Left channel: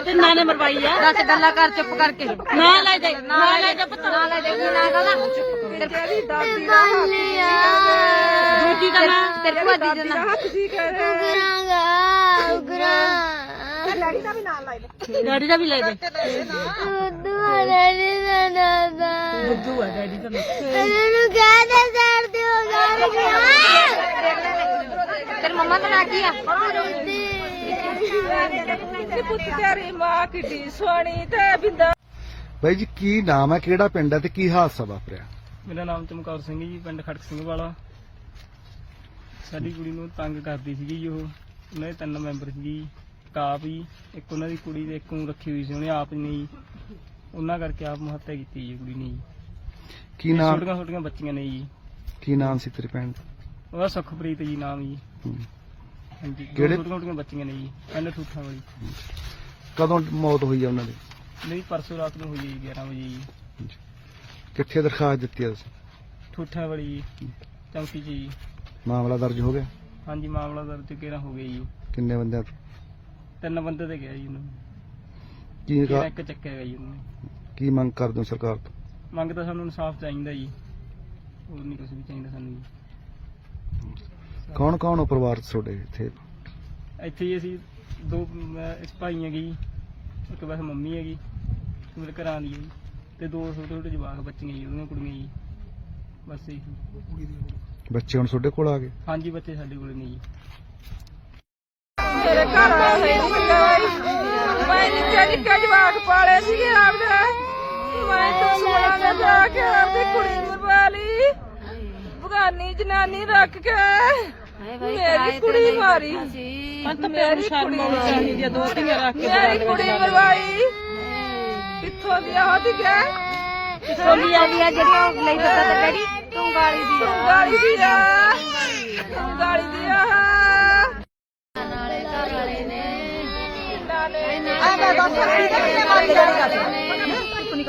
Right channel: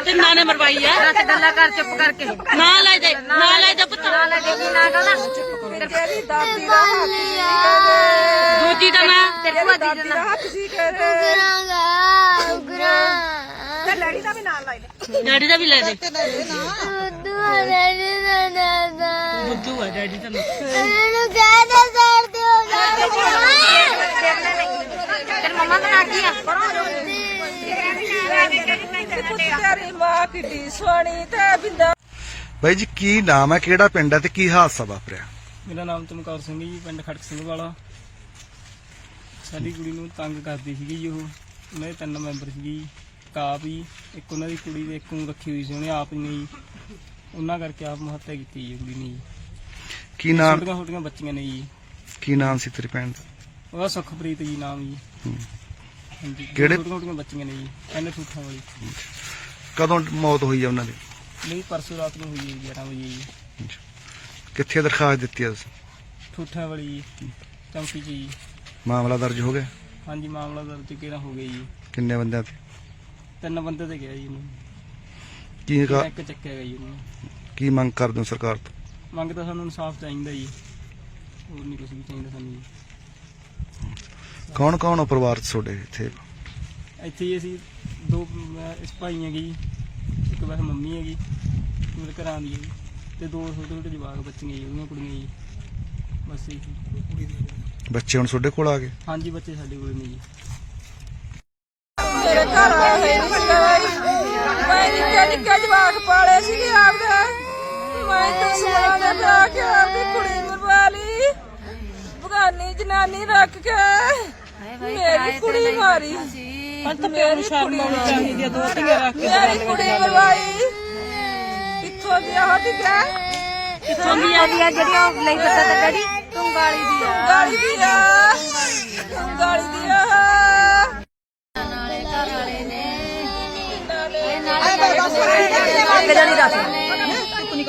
ਕਿੰਨਾ ਨੇ ਮਰਵਾਈ ਆ ਰਸ ਗੱਲਾਂ ਕਰ ਚੁੱਪ ਕਰਕੇ ਨਾ ਲੈ ਦੇ ਨਾ ਲੈ ਦੇ ਪੁੱਤ ਨਾ ਲੈ ਦੇ ਕਿੰਨਾ ਕਹਦਾ ਚੁੱਪ ਕਰੋ ਦੂਜੀ ਦਾ ਨਾਮ ਤੇ ਭਾਜੀ ਦਾ ਨਾਮ ਤੁਸੀਂ ਕਹਿ ਰਹੇ ਹੋ ਗਰਾ ਡੈਡੀ ਦਾ ਵੀ ਨਾਮ ਲੈ ਲੈ ਡੈਡੀ ਦਾ ਵੀ ਲੈ ਦੇ ਬੁੱਧੂ ਆ ਡੈਡੀ ਦਾ ਨਾਮ ਮੈਨੂੰ ਕਹਿ ਦੇ ਸਰ ਤੇ ਹੋ ਗਾਰੇ ਤੇ ਮਮਾ ਦਾ ਨਾਮ ਕੀ ਆ ਬਾਈ ਜੀ ਕੀ ਨਾਮ ਹੈ ਕਿਹੜਾ ਪਿੰਡ ਹੈ ਤੇ ਕੀ ਹਾਦਸਾ ਵਾਪਰਿਆ ਮੇਰਾ ਨਾਮ ਚਮਕੌਰ ਸਿੰਘ ਜੀ ਪਿੰਡ ਖੜਕ ਸਿੰਘ ਵਾਲਾ ਸਾਡੀ ਕੁੜੀ ਨੂੰ ਤੰਗ ਕਰਦੀ ਸੀਗੀ ਉਹ ਉਹਨਾਂ ਤਿੰਨ ਮੈਂਬਰ ਸੀਗੀ ਕਾਪ ਜੀ ਇੱਕ ਉਹਨਾਂ ਦੀ ਕੁੜੀ ਦੇ ਇੱਕੋਂ ਰੱਖੀ ਹੋਈ ਸੀ ਉਹਨੇ ਆਪ ਨੇ ਜੀ ਉਹਨਾਂ ਕਰਕੇ ਆਪ ਮਹੱਤਿਆ ਕੀਤੀ ਜੀ ਕੁੜੀ ਨੇ ਕੀ ਨਾਮ ਛੋਟੀਆਂ ਛੋਟੀਆਂ ਬੱਚੀਆਂ ਨੇ ਜੀ ਕੀ ਨਾਮ ਸੀ ਤੇਰੀ ਪੈਣ ਦਾ ਉਹਦਾ ਸੁਖਪ੍ਰੀਤ ਜੀ ਨਾਮ ਜੀ ਕਿਹੜੇ ਟੁੱਟੀਆਂ ਬੱਚੀਆਂ ਨੇ ਜੀ ਐਨੇ ਠੂਠਾਂ ਵਾਲੀ ਕਦੋਂ ਮੌਤ ਹੋਈ ਆ ਉਹਨਾਂ ਦੀ ਨਹੀਂ ਪਰਸੋਂ ਰਾਤ ਨੂੰ ਹੋਈ 11 ਵਜੇ ਜੀ ਕਿੱਥੇ ਦਰਖਾਸਤ ਦਿੱਤੀ ਆ ਤੁਸੀਂ ਠੂਠਾਂ ਵਾਲੀ ਜੀ ਚੌਂਕੀ ਜੀ ਮਾਮਲਾ ਦਰਜ ਹੋ ਗਿਆ ਹਾਂਜੀ ਮਾਮਲਾ ਦਰਜ ਕਿਹੜਾ ਹੋ ਗਿਆ ਜੀ ਕਿੰਨੇ ਬੰਦਿਆਂ ਤੇ ਤਿੰਨ ਬੰਦੇ ਤੇ ਗਿਆ ਜੀ ਉਹਨੂੰ ਕੀ ਇੱਕ ਚੱਕਿਆ ਗਿਆ ਜੀ ਉਹਨੂੰ ਕੀ ਮੰਗ ਕਰਦੇ ਹੋ ਸਰਕਾਰ ਤੋਂ ਮੰਗ ਤਾਂ ਸਾਨੂੰ ਇਨਸਾਫ ਚਾਹੀਦਾ ਜੀ ਹੋਰ ਨਹੀਂ ਕੁਝ ਵੀ ਚਾਹੀਦਾ ਸਾਨੂੰ ਜੀ ਕੌਣ ਕੌਣ ਹੋ ਪਰਿਵਾਰ ਤੁਹਾਡੇ ਇੱਥੇ ਇੱਥੇ ਅਸੀਂ ਦੋ ਇਸ ਭਾਈਆਂ ਹੈਗੀ ਇੱਕ ਵਾਰ ਮੰਮੀ ਹੈਗੀ ਮੇਰੇ ਘਰ ਆਂਦੀ ਹੈ ਤੇ ਦੋ ਛੋਟੇ ਛੋਟੇ ਜਵਾਕ ਬੱਚੇ ਨੇ ਉਹਨਾਂ ਕੁੜੀਆਂ ਜੀ ਬਸ ਇਹ ਬੱਚੇ ਹੁਣ ਤੁਹਾਡੇ ਕੋਲ ਆ ਗਏ ਹਾਂਜੀ ਬੱਚੇ ਸਾਡੇ ਕੋਲ ਨੇ ਜੀ ਮੇਰੇ ਘਰ ਦਾ ਹੈ ਰਿਸ਼ਤਾ ਮੈਂ ਨਿੱਕਾ ਨਿੱਕਾ ਜਵਾਕ ਪਾਲੇ ਸੀਗੇ ਆਪਦਾ ਮੈਂ ਤਾਂ ਸੁਣਾ ਦੇ ਲਾ ਕੇ ਆਪਦੀ ਕੁੜੀ ਮਰਵਾ ਲਈ ਭਗਾਨੀ ਜਨਾਨੀ ਰੱਖ ਕੇ ਮੇਰੀ ਕੁੜੀ ਮਾਰੀ ਅੰਤ ਇੱਥੇ ਪਿਆਰ ਸ਼ਰਮ ਆਉਣੀ ਚਾਹੀਦੀ ਹੈ ਦੋ ਧੀਆਂ ਰੱਖ ਕੇ ਮੇਰੀ ਕੁੜੀ ਮਰਵਾਈ ਇੱਥੋਂ ਦੀ ਆਹ ਦੀ ਗਿਆ ਇੱਥੋਂ ਦੀ ਆ ਦੀ ਜਿਹੜੀ ਨਹੀਂ ਪਤਾ ਤਾਂ ਕਿਹੜੀ ਤੁੰਗਾਲੀ ਦੀ ਤੁੰਗਾਲੀ ਦੀ ਆ ਤੁੰਗਾਲੀ ਦੀ ਆ ਨਾਲੇ ਨਾਲੇ ਨੇ ਨਾਲੇ ਨਾਲੇ ਨੇ ਨਾਲੇ ਨਾਲੇ ਨੇ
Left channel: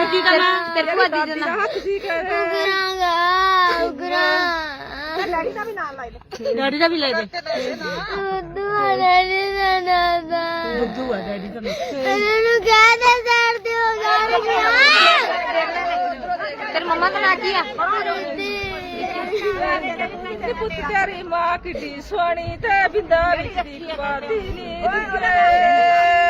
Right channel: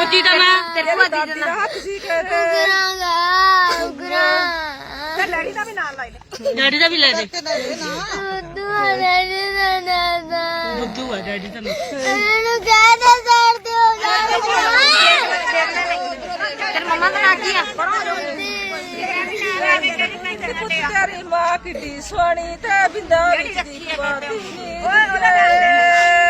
ਰੋਜੀ ਦਾ ਨਾ ਤੇਰੇ ਕੋਲ ਦੀ ਦੇਣਾ ਤੁਸੀਂ ਕਹਿ ਰਹੇ ਹੋ ਗਰਾਂਗਾ ਗਰਾਂ ਡੈਡੀ ਦਾ ਵੀ ਨਾਮ ਲੈ ਲੈ ਡੈਡੀ ਦਾ ਵੀ ਲੈ ਲੈ ਬੁੱਧੂ ਆ ਡੈਡੀ ਦਾ ਨਾ ਬੁੱਧੂ ਆ ਡੈਡੀ ਦਾ ਨਾ ਇਹਨੂੰ ਕਹਿ ਦੇ ਕਰਦੇ ਹੋ ਯਾਰ ਤੇਰੇ ਮਮਾ ਦਾ ਨਾਂ ਕੀ ਆ ਪੁੱਤਿਆਰੀ ਮਾਂ ਕਿੱਡੀ ਸੁਹਣੀ ਤੇ ਬਿੰਦਾ ਵਿੱਚ ਦੀ ਪਾਦੀ ਨੀ ਦਿਖਲੇ